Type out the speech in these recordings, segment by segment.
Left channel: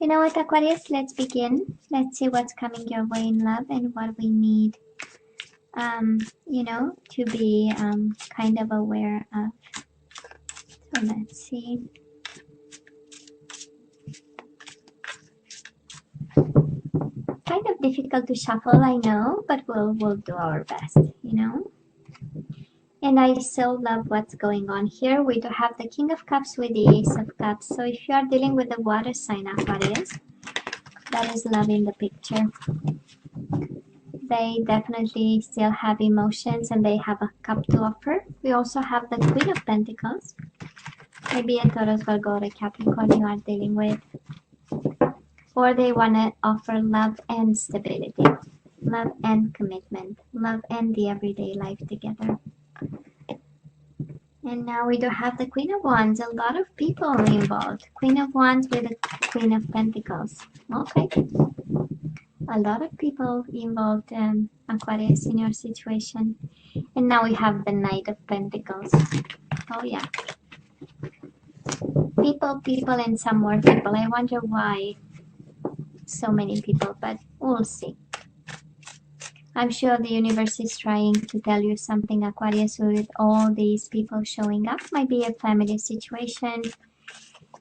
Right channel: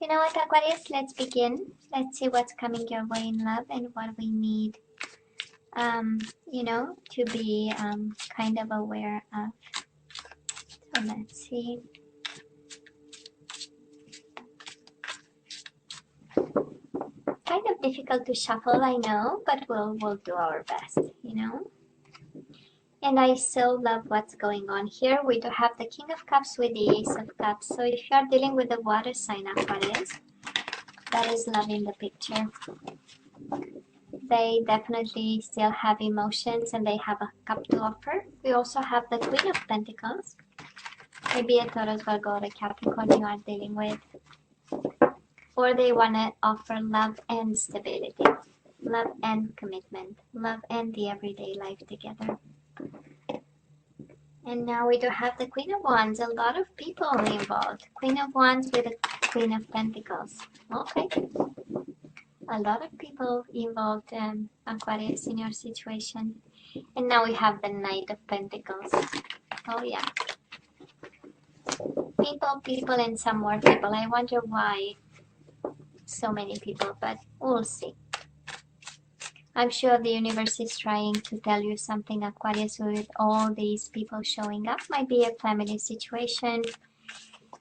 You know what, Aquarius, let's begin. Let's see what's coming your way in love and what we need, to be kind of aware of. So let's see. Kind of difficult to shuffle, I know, but we'll do our best, And I so love what's going on here. We do have the King of Cups with the Ace of Cups. So if you are dealing with a water sign, Aquarius, that is love in the picture. They definitely still have emotions and they have a cup to offer. We also have the Queen of Pentacles. Maybe a Taurus, Virgo, or a Capricorn you are dealing with. Or they want to offer love and stability. Love and commitment. Love and the everyday life together. And now we do have the Queen of Wands. A lot of people involved. Queen of Wands with the Queen of Pentacles. Okay. A lot of people involved, Aquarius, in your situation. And now we have the Knight of Pentacles. Oh, yeah. People, and some more people. I wonder why so many people, but we'll see. I'm sure the universe is trying to tell you something, Aquarius, with all these people showing up. Might be a family situation.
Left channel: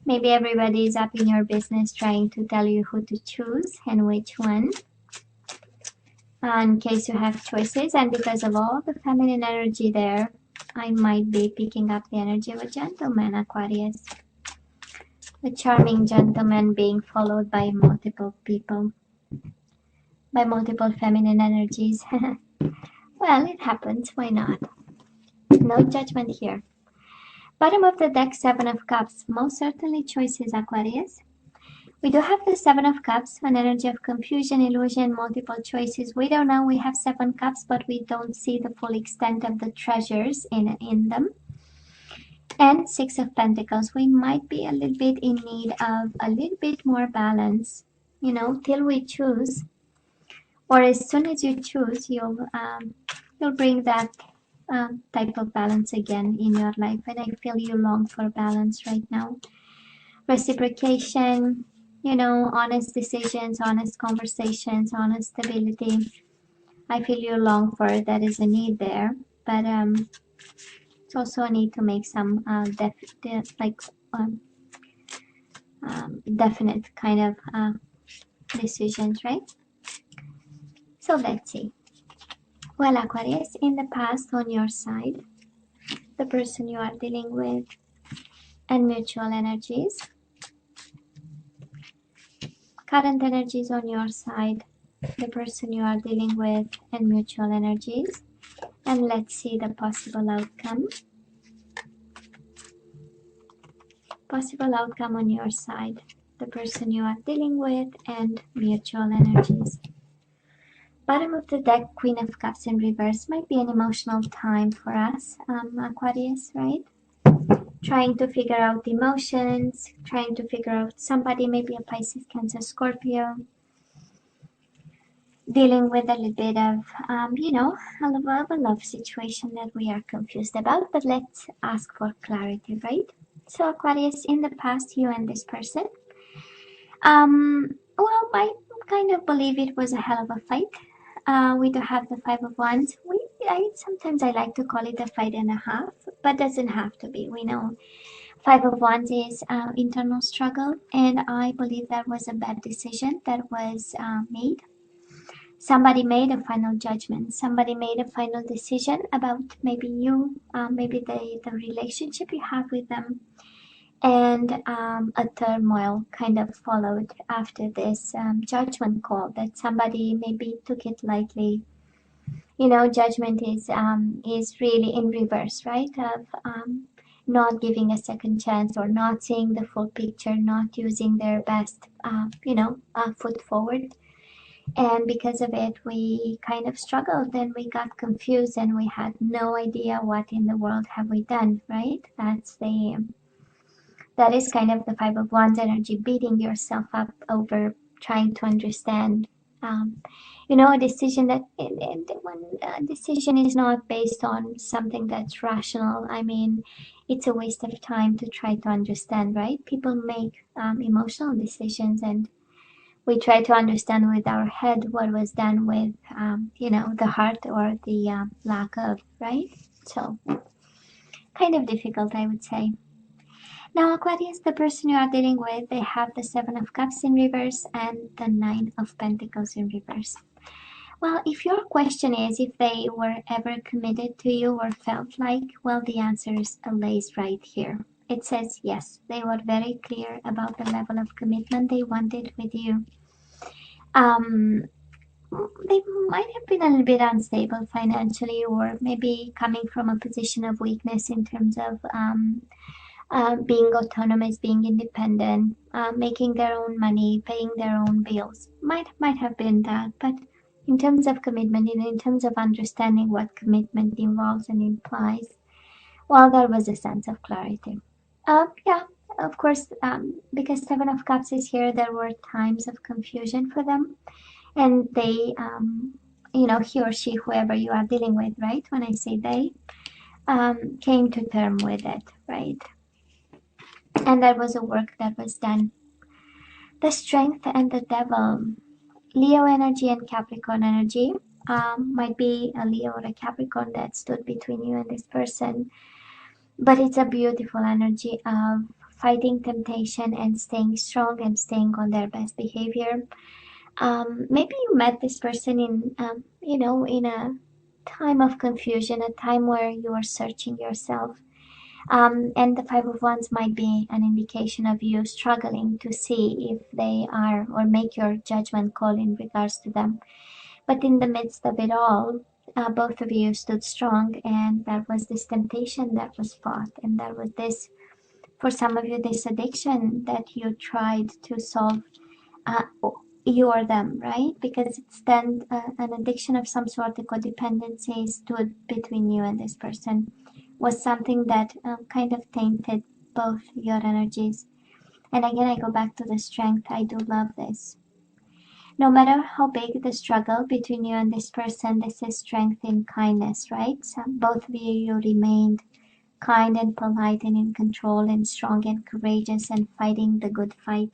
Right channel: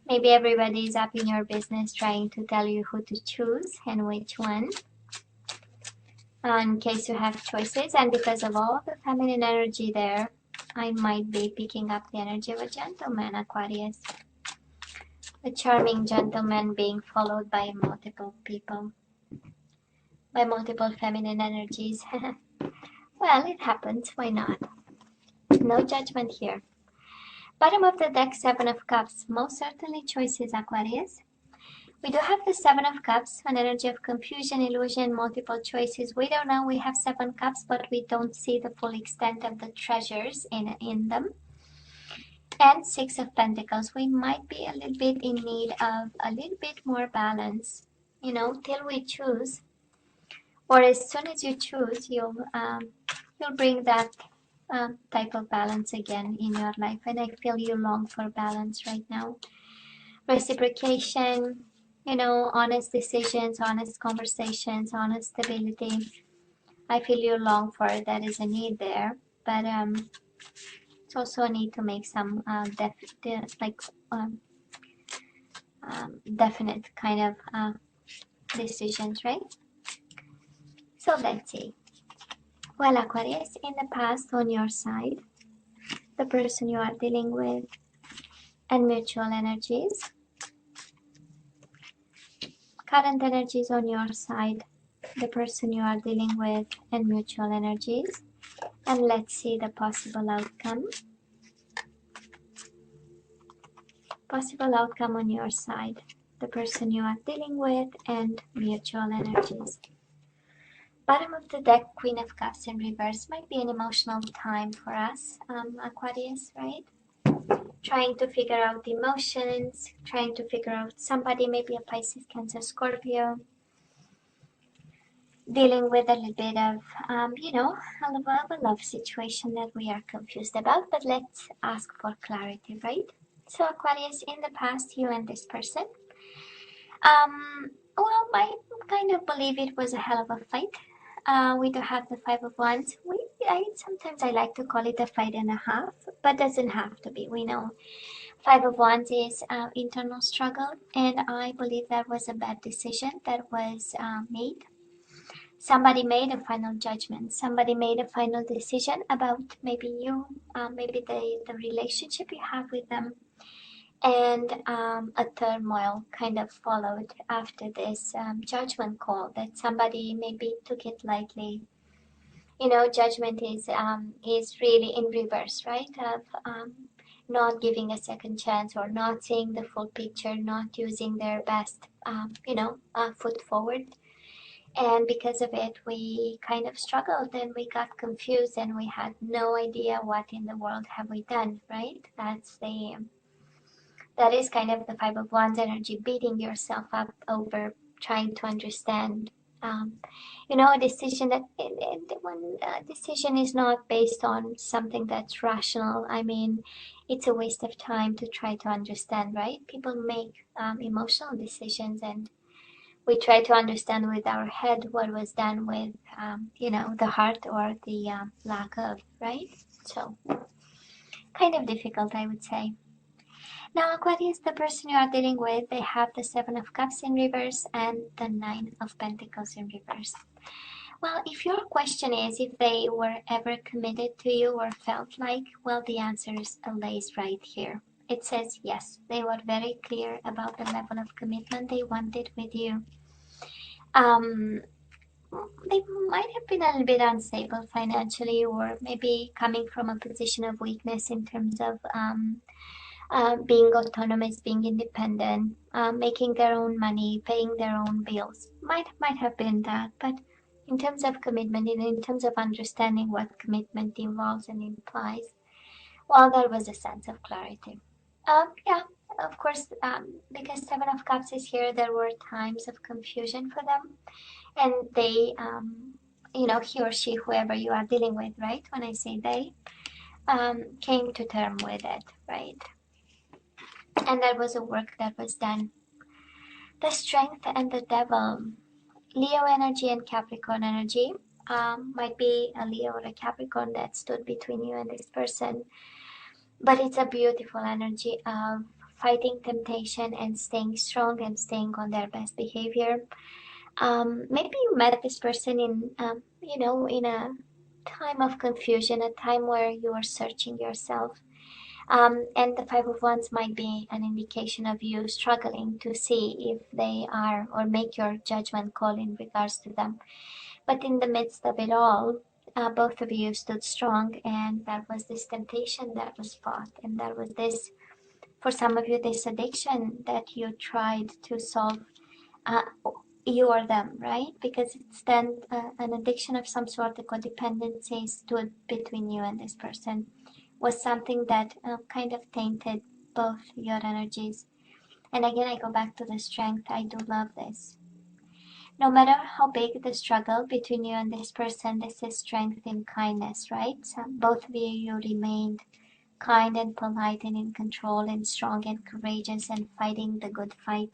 Maybe everybody is up in your business trying to tell you who to choose and which one. In case you have choices, and because of all the feminine energy there, I might be picking up the energy of a gentleman, Aquarius. A charming gentleman being followed by multiple people. By multiple feminine energies. Well, it happens. Why not? No judgment here. Bottom of the deck, Seven of Cups. Most certainly choices, Aquarius. We do have the Seven of Cups, an energy of confusion, illusion, multiple choices. We don't know. We have Seven Cups, but we don't see the full extent of the treasures in them. And Six of Pentacles. We might be a little bit in need of a little bit more balance, till we choose. Or as soon as you choose, you'll bring that type of balance again in your life. And I feel you long for balance right now. Reciprocation, honest decisions, honest conversations, honest stability. I feel you long for it. That is a need there. But it's also a need to make some definite kind of decisions, right? So let's see. Well, Aquarius, in the past on your side, the person you are dealing with, and mutual energies. Current energies on your side, the person you are dealing with, and mutual energies. And let's see the possible outcome. Possible outcome on your side, the person you are dealing with, and mutual energies. Bottom of the deck, Queen of Cups in reverse. Might be an emotional time for us, Aquarius, right? Trying to figure out emotions, trying to figure out somebody, maybe a Pisces, Cancer, Scorpio. Dealing with a little bit of, a love situation that we are confused about. But let's ask for clarity, right? So Aquarius, in the past, you and this person, well, I kind of believe it was a hell of a fight. We do have the Five of Wands. Sometimes I like to call it a fight and a half, but doesn't have to be. We know Five of Wands is internal struggle, and I believe that was a bad decision that was made. Somebody made a final judgment. Somebody made a final decision about maybe you, maybe the relationship you have with them. And a turmoil kind of followed after this judgment call that somebody maybe took it lightly. Judgment is really in reverse, right? Of not giving a second chance or not seeing the full picture, not using their best, foot forward. And because of it, we kind of struggled and we got confused and we had no idea what in the world have we done, right? That is kind of the Five of Wands energy, beating yourself up over trying to understand, a decision that one decision is not based on something that's rational. I mean, it's a waste of time to try to understand, right? People make emotional decisions, and we try to understand with our head what was done with, the heart or the lack of, right? So, kind of difficult, I would say. Now, Aquarius, the person you are dealing with, they have the Seven of Cups in reverse and the Nine of Pentacles in reverse. Well, if your question is if they were ever committed to you or felt like, well, the answer lays right here. It says yes, they were very clear about the level of commitment they wanted with you. They might have been a little bit unstable financially, or maybe coming from a position of weakness in terms of being autonomous, being independent, making their own money, paying their own bills. Might have been that, but in terms of commitment, in terms of understanding what commitment involves and implies, well, there was a sense of clarity. Yeah, of course, because Seven of Cups is here, there were times of confusion for them, and they, he or she, whoever you are dealing with, right? When I say they, came to term with it, right? And there was a work that was done. The Strength and the Devil, Leo energy and Capricorn energy. Might be a Leo or a Capricorn that stood between you and this person, but it's a beautiful energy of fighting temptation and staying strong and staying on their best behavior. Maybe you met this person in a time of confusion, a time where you are searching yourself. And the Five of Wands might be an indication of you struggling to see if they are, or make your judgment call in regards to them. But in the midst of it all, both of you stood strong, and there was this temptation that was fought, and there was this, for some of you, this addiction that you tried to solve, uh, you or them, right? Because it's then an addiction of some sort, a codependency stood between you and this person, was something that kind of tainted both your energies. And again, I go back to the Strength. I do love this. No matter how big the struggle between you and this person, this is strength in kindness, right? So both of you remained kind and polite and in control and strong and courageous and fighting the good fight.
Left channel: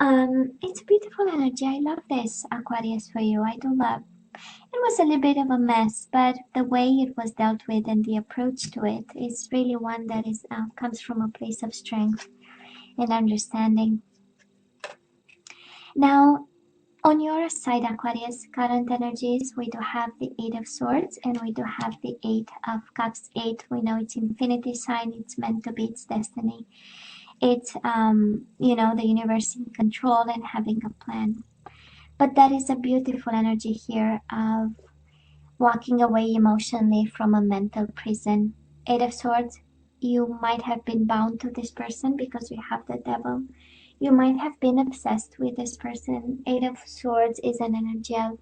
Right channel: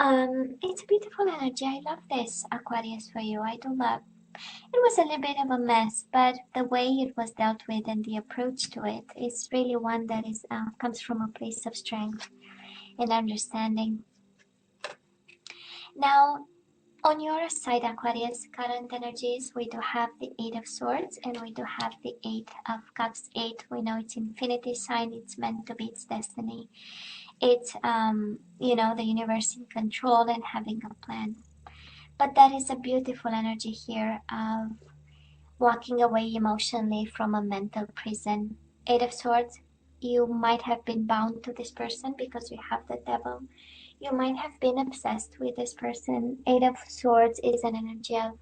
It's beautiful energy. I love this, Aquarius, for you. I do love. It was a little bit of a mess, but the way it was dealt with and the approach to it is really one that is comes from a place of strength and understanding. Now, on your side, Aquarius, current energies, we do have the Eight of Swords and we do have the Eight of Cups. Eight, we know it's infinity sign, it's meant to be, it's destiny. It's, the universe in control and having a plan. But that is a beautiful energy here of walking away emotionally from a mental prison. Eight of Swords, you might have been bound to this person because we have the Devil. You might have been obsessed with this person. Eight of Swords is an energy of,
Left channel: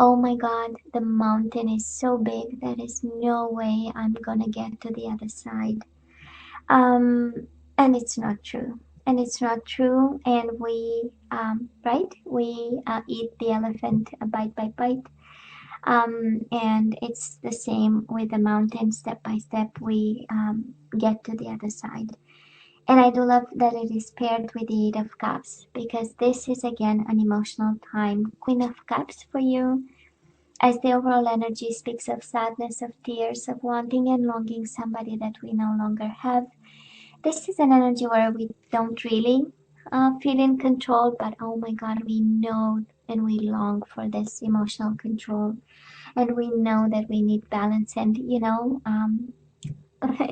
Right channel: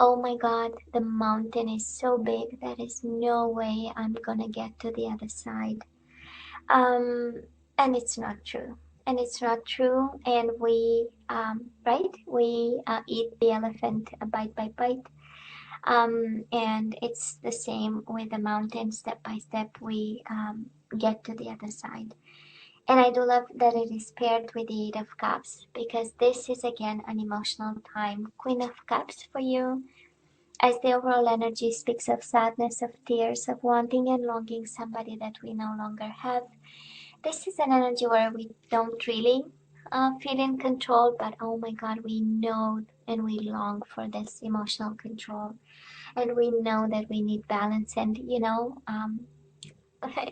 oh my God, the mountain is so big, there is no way I'm gonna get to the other side. And it's not true. And it's not true. And we, we eat the elephant bite by bite. And it's the same with the mountain. Step by step, we get to the other side. And I do love that it is paired with the Eight of Cups, because this is again an emotional time. Queen of Cups for you, as the overall energy speaks of sadness, of tears, of wanting and longing somebody that we no longer have. This is an energy where we don't really feel in control, but oh my God, we know and we long for this emotional control. And we know that we need balance, and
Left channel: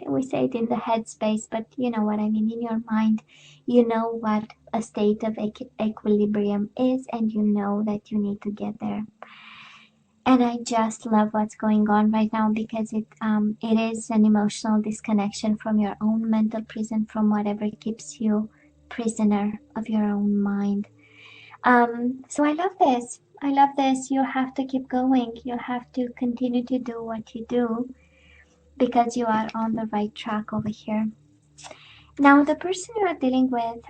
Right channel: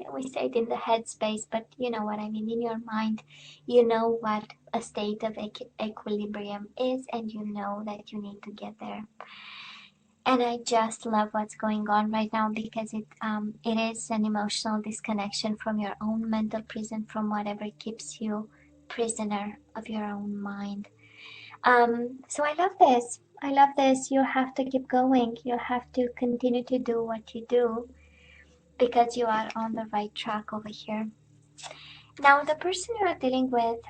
we say it in the headspace, but you know what I mean, in your mind, you know what a state of equilibrium is, and you know that you need to get there. And I just love what's going on right now, because it is an emotional disconnection from your own mental prison, from whatever keeps you prisoner of your own mind. So I love this. I love this. You have to keep going. You have to continue to do what you do, because you are on the right track over here. Now, the person you are dealing with,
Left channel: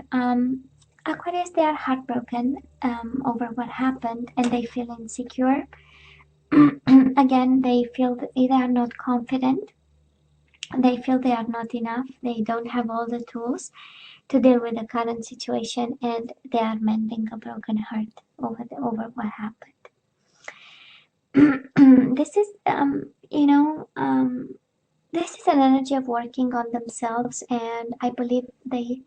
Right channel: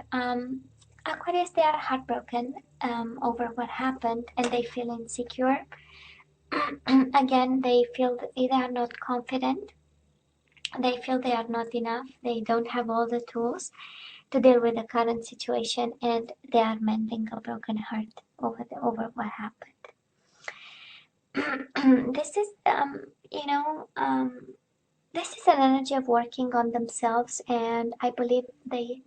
Aquarius, they are heartbroken over what happened, and they feel insecure. Again, they feel that they are not confident They feel they are not enough. They don't have all the tools to deal with the current situation, and they are mending a broken heart over what happened. This is this is an energy of working on themselves, and I believe the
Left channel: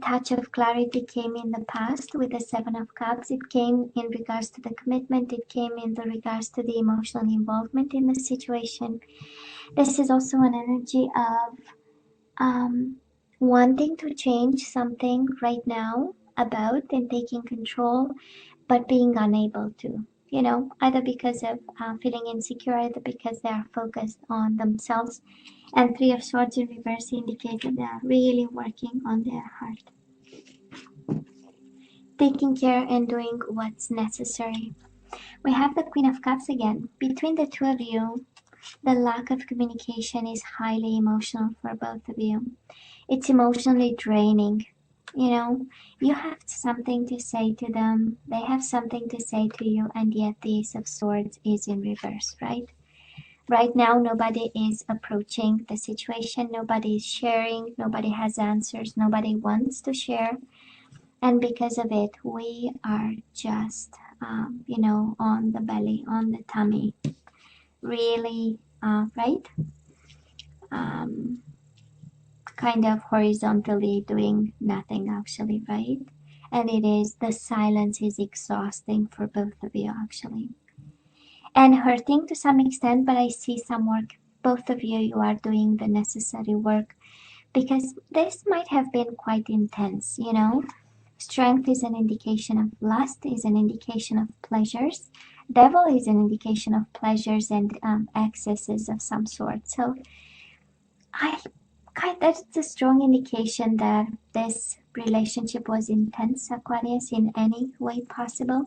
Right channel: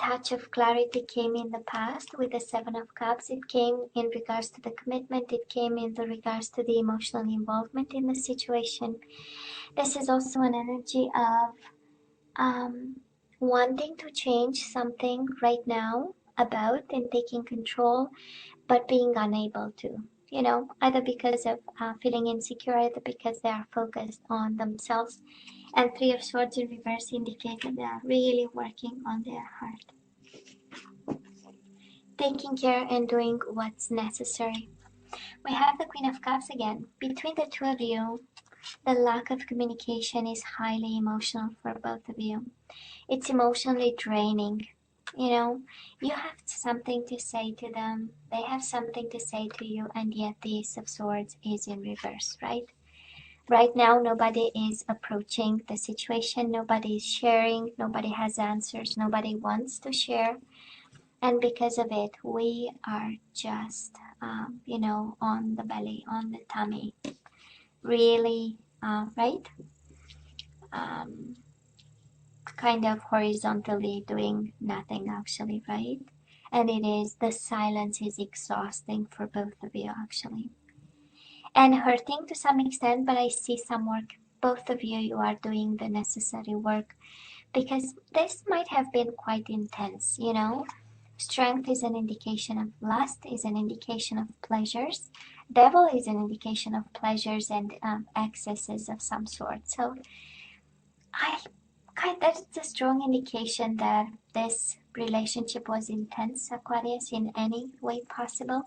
touch of clarity came in the past with the Seven of Cups. It came in regards to the commitment. It came in the regards to the emotional involvement in the situation. This is also an energy of wanting to change something right now about and taking control, but being unable to. Either because of feeling insecure, either because they are focused on themselves. And Three of Swords in reverse indicate that they are really working on their heart, taking care and doing what's necessary. We have the Queen of Cups again. Between the two of you, the lack of communication is highly emotional for both of you. It's emotionally draining. You have something to say to them, they have something to say to you, and yet the Ace of Swords is in reverse, right? Right now, nobody is approaching the situation, nobody is sharing, nobody has answers, nobody wants to share. And because of it, we are just, on the belly, on the tummy, really, right? Kind of horizontally doing nothing, actually, right? And the silence is exhausting for both of you, actually. And hurting to some extent, but I see some work. Both of you are doing the necessary work, because this might have been quite intense. Strength is an indication of lust, is an indication of pleasures. Devil is an indication of pleasures and excesses of some sort. So that's a strong indication that this relationship was intense, Aquarius, in any way possible.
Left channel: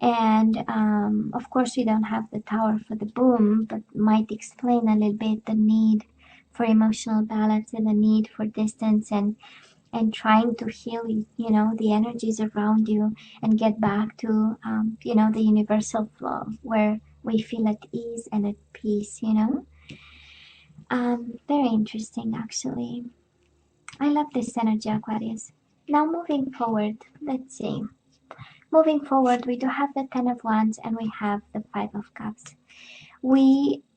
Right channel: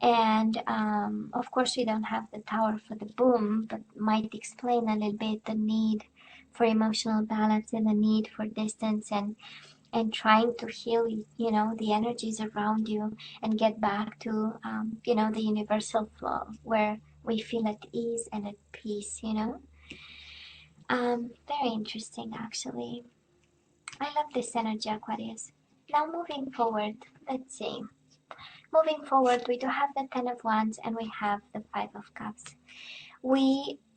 And of course, we don't have the Tower for the boom, but might explain a little bit the need for emotional balance and the need for distance, and trying to heal, the energies around you and get back to, the universal flow where we feel at ease and at peace. Very interesting, actually. I love this energy, Aquarius. Now, moving forward, let's see. Moving forward, we do have the Ten of Wands and we have the Five of Cups.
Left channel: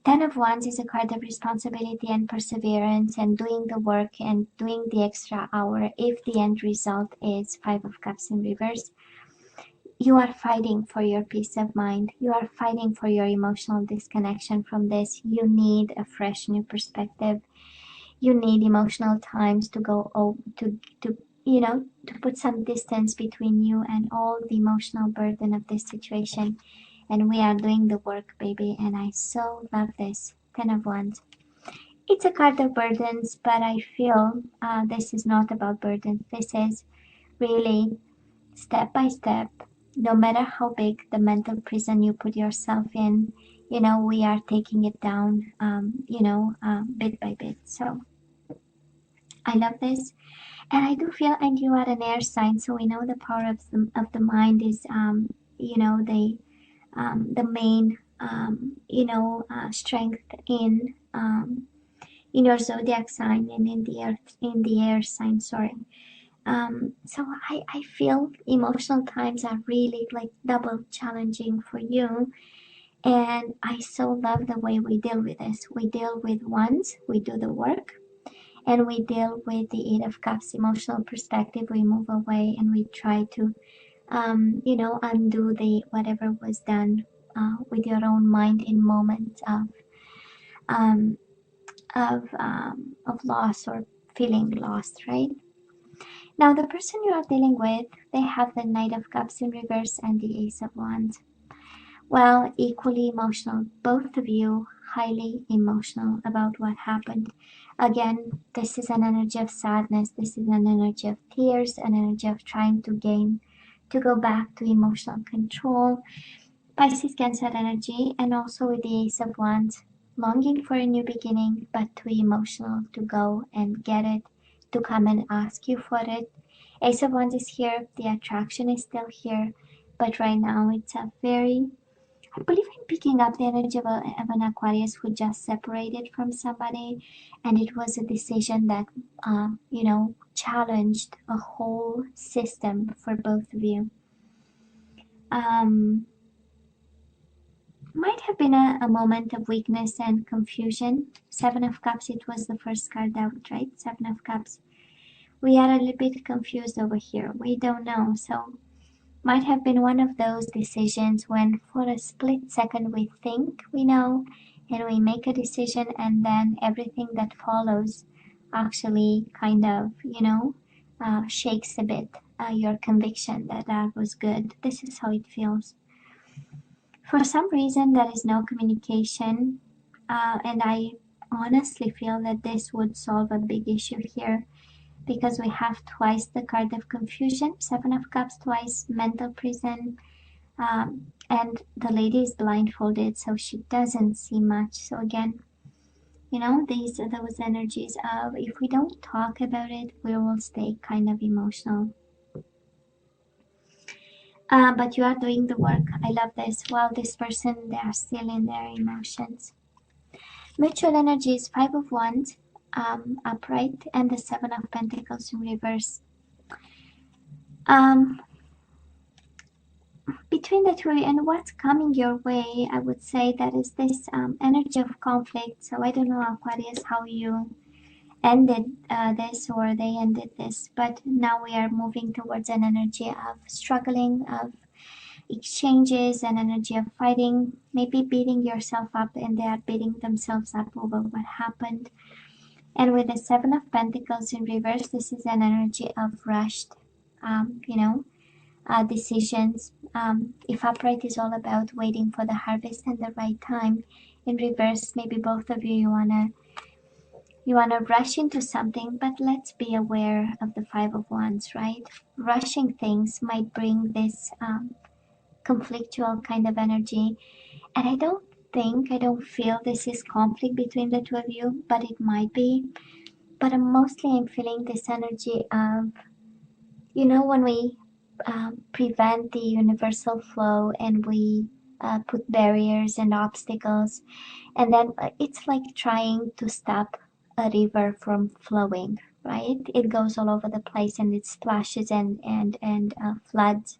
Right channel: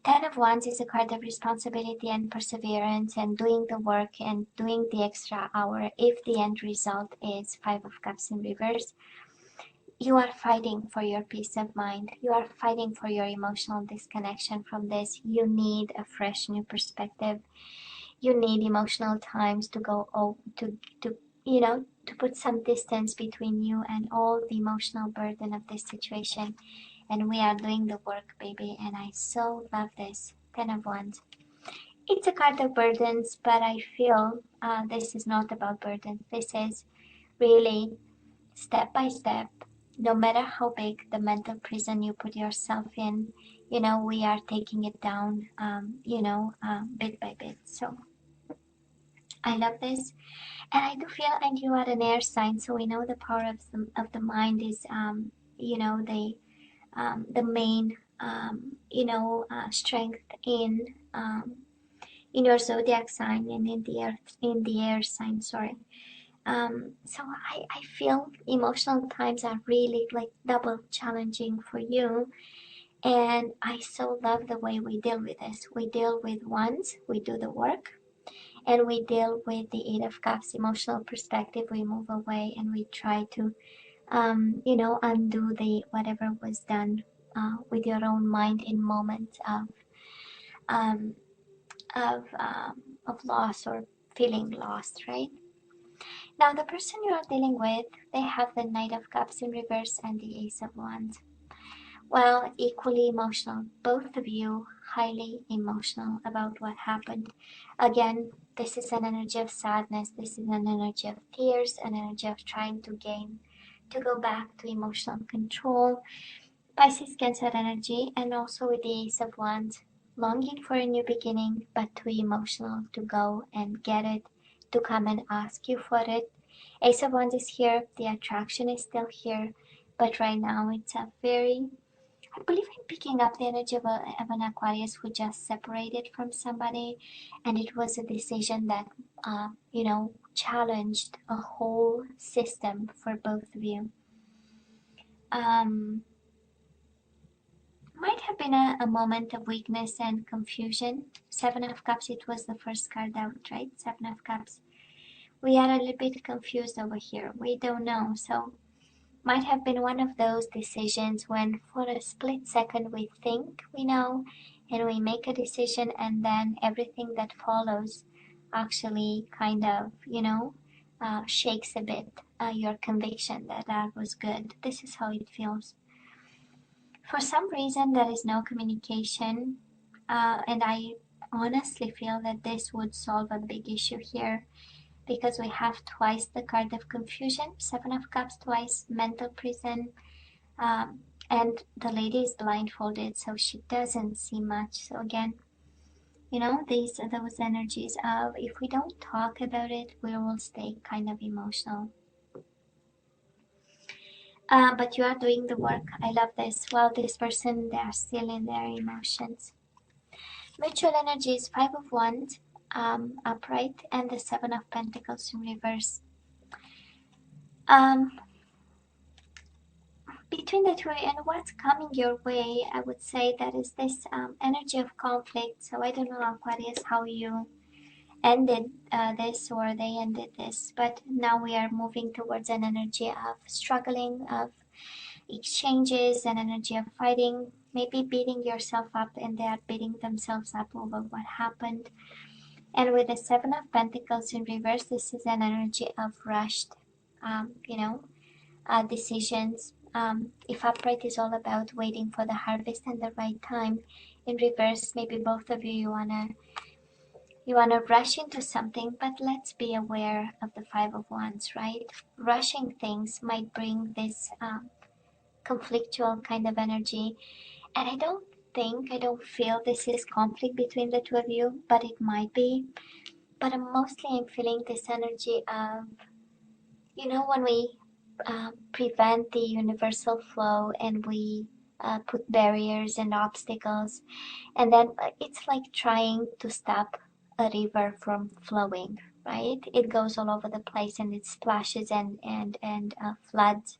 Ten of Wands is a card of responsibility and perseverance and doing the work and doing the extra hour if the end result is Five of Cups in reverse. You are fighting for your peace of mind. You are fighting for your emotional disconnection from this. You need a fresh new perspective. You need emotional times to go to put some distance between you and all the emotional burden of this situation. And we are doing the work, baby, and I so love this. Ten of Wands. It's a card of burdens, but I feel this is not about burdens. This is really step by step. No matter how big the mental prison you put yourself in, we are taking it down, bit by bit. So I love this. And I do feel, and you are an air sign, so we know the power of the mind is, the main, strength in your zodiac sign and in the air sign. Sorry. So I feel emotional times are really like double challenging for you. And I so love the way we deal with this. We deal with wands, we do the work, and we deal with the Eight of Cups emotional perspective. We move away and we try to, undo the whatever was done with your own mind in moments um, of loss or feeling lost, right? Now, the person you are dealing with, they have the Knight of Cups in reverse and the Ace of Wands. Well, equally emotional, both of you highly emotional about what happened. Again, this is an energy of sadness, this is an energy of tears, an energy of trying to go back to emotional control. Pisces, Cancer energy, and also with the Ace of Wands, longing for a new beginning, but too emotional to go and get it, to come and ask you for it. Ace of Wands is here, the attraction is still here, but right now it's a very I believe I'm picking up the energy of an Aquarius who just separated from somebody, and it was a decision that, you know, challenged a whole system for both of you. Might have been a moment of weakness and confusion. Seven of Cups, it was the first card out, right? Seven of Cups. We are a little bit confused over here. We don't know. So might have been one of those decisions when for a split second we think we know and we make a decision, and then everything that follows actually kind of, you know, shakes a bit your conviction that that was good. This is how it feels. For some reason, there is no communication, and I honestly feel that this would solve a big issue here because we have twice the card of confusion, Seven of Cups, twice mental prison, and the lady is blindfolded, so she doesn't see much. So again, you know, these are those energies of if we don't talk about it, we will stay kind of emotional. But you are doing the work. I love this. Well, this person, they are still in their emotions. Mutual energy is Five of Wands, upright, and the Seven of Pentacles in reverse. Between the three and what's coming your way, I would say that is this energy of conflict. So I don't know, Aquarius, how you ended this or they ended this, but now we are moving towards an energy of struggling, of exchanges, an energy of fighting, maybe beating yourself up, and they are beating themselves up over what happened. And with the Seven of Pentacles in reverse, this is an energy of rushed, you know, decisions. If upright is all about waiting for the harvest and the right time, in reverse, maybe both of you wanna rush into something, but let's be aware of the Five of Wands, right? Rushing things might bring this conflictual kind of energy, and I don't feel this is conflict between the two of you, but it might be. But I'm feeling this energy of, you know, when we prevent the universal flow and we put barriers and obstacles, and then it's like trying to stop a river from flowing, right? It goes all over the place and it splashes and floods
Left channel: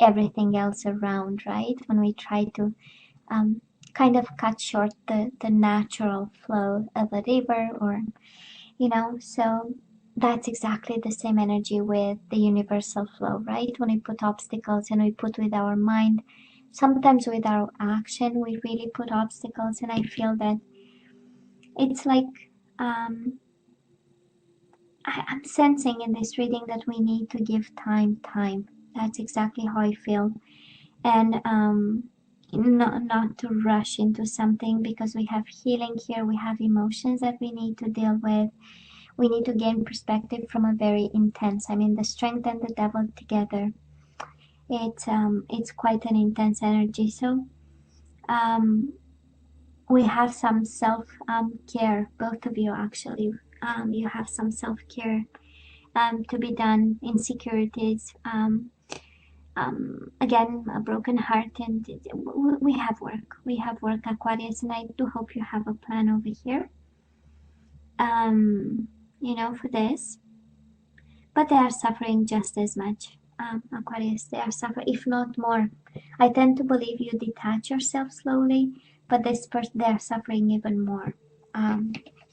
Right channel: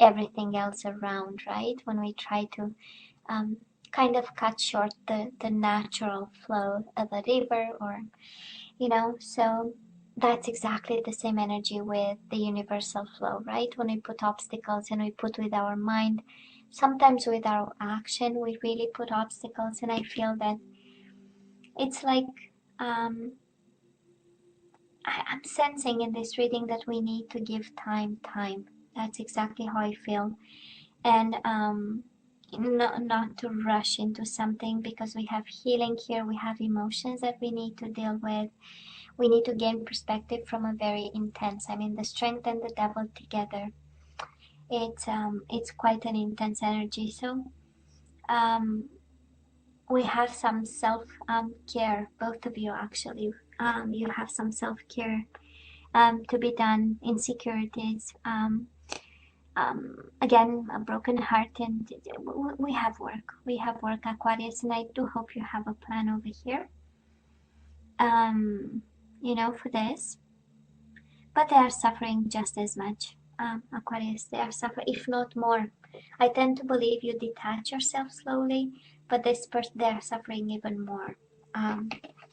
everything else around, right? When we try to kind of cut short the natural flow of a river, or you know, so that's exactly the same energy with the universal flow, right? When we put obstacles and we put with our mind, sometimes with our action we really put obstacles, and I feel that it's like I'm sensing in this reading that we need to give time. That's exactly how I feel. And not to rush into something, because we have healing here, we have emotions that we need to deal with. We need to gain perspective from a very intense, I mean, the strength and the devil together, it's quite an intense energy. So we have some self care, both of you actually. You have some self care to be done. Insecurities, again, a broken heart, and we have work. We have work, Aquarius, and I do hope you have a plan over here. You know, for this, but they are suffering just as much. Aquarius, they are suffering, if not more. I tend to believe you detach yourself slowly, but this person, they are suffering even more.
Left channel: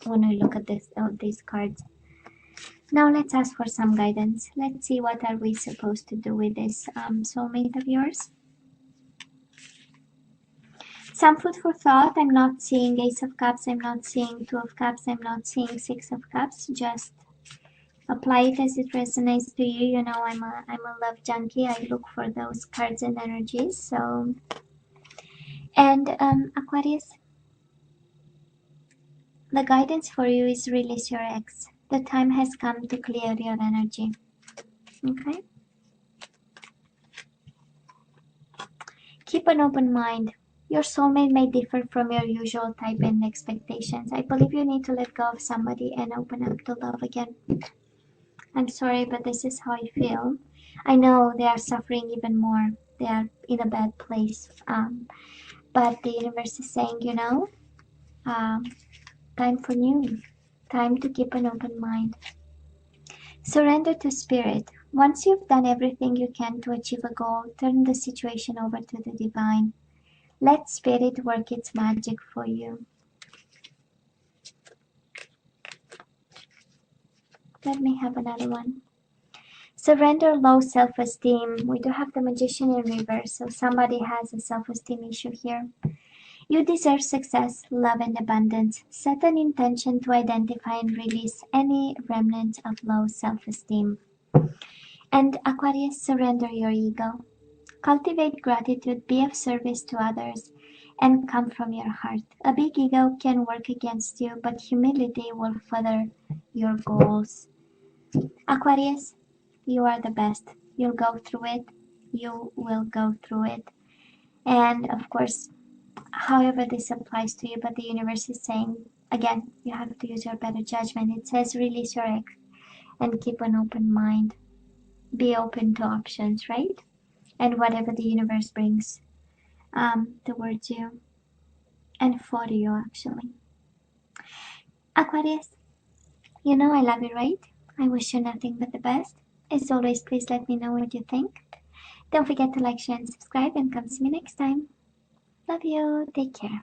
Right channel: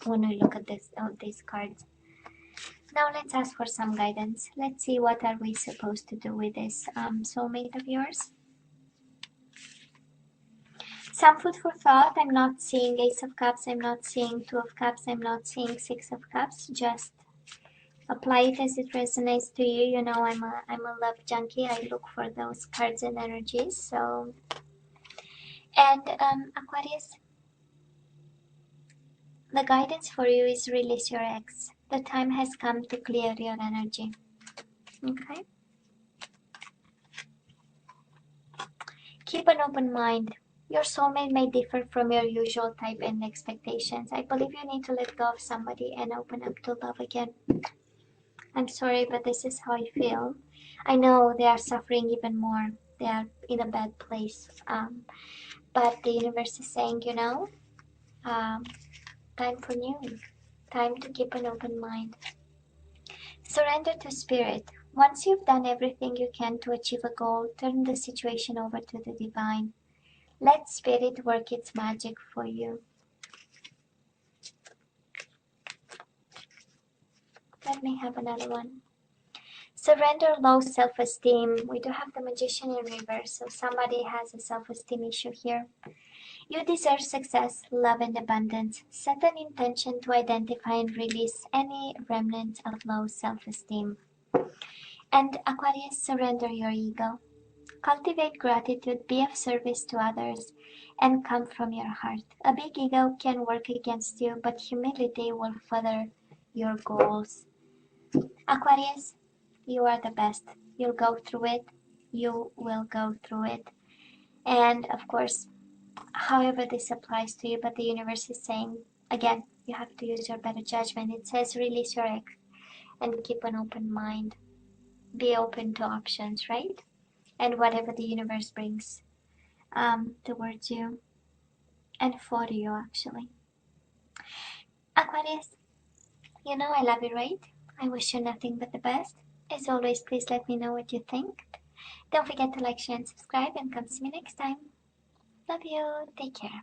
When I look at these cards. Now let's ask for some guidance. Let's see, what are we supposed to do with this soulmate of yours? Some food for thought. I'm not seeing Ace of Cups. I'm not seeing Two of Cups. I'm not seeing Six of Cups. Just apply it as it resonates to you. You know, I'm a love junkie. I look for those cards and energies. So, and Aquarius, the guidance for you is release your ex. The time has come to clear your energy. Okay. Keep an open mind. Your soulmate may differ from your usual type and expectations. I believe you need to let go of somebody and open up to love again. I'm sorry, but this is how I feel. I know they are suffering even more. They are in a bad place. but the universe is saying, you know, time for new, time to keep an open mind. Surrender to spirit. Once you've done everything you can to achieve a goal, turn the situation over to the divine. Let spirit work its magic for you. Let me have another one. Surrender low self-esteem. We do have the Magician in reverse, so somebody has a self-esteem issue here. You deserve success, love, and abundance. Set an intention to identify and release any remnants of low self-esteem. And Aquarius, surrender your ego. Cultivate gratitude, be of service to others, and come from your heart. A big ego can work against you, but humility will further your goals. Aquarius, you are the best. You'll go through it. You will go through it. And of course, however this applies to you, but the universe is saying, again, you have to use your better judgment. It says release your ex and keep an open mind. Be open to options, right? And whatever the universe brings towards you and for you, actually. Aquarius, you know I love you, right? I wish you nothing but the best. As always, please let me know what you think. Don't forget to like, share, and subscribe, and come see me next time. Love you. Take care.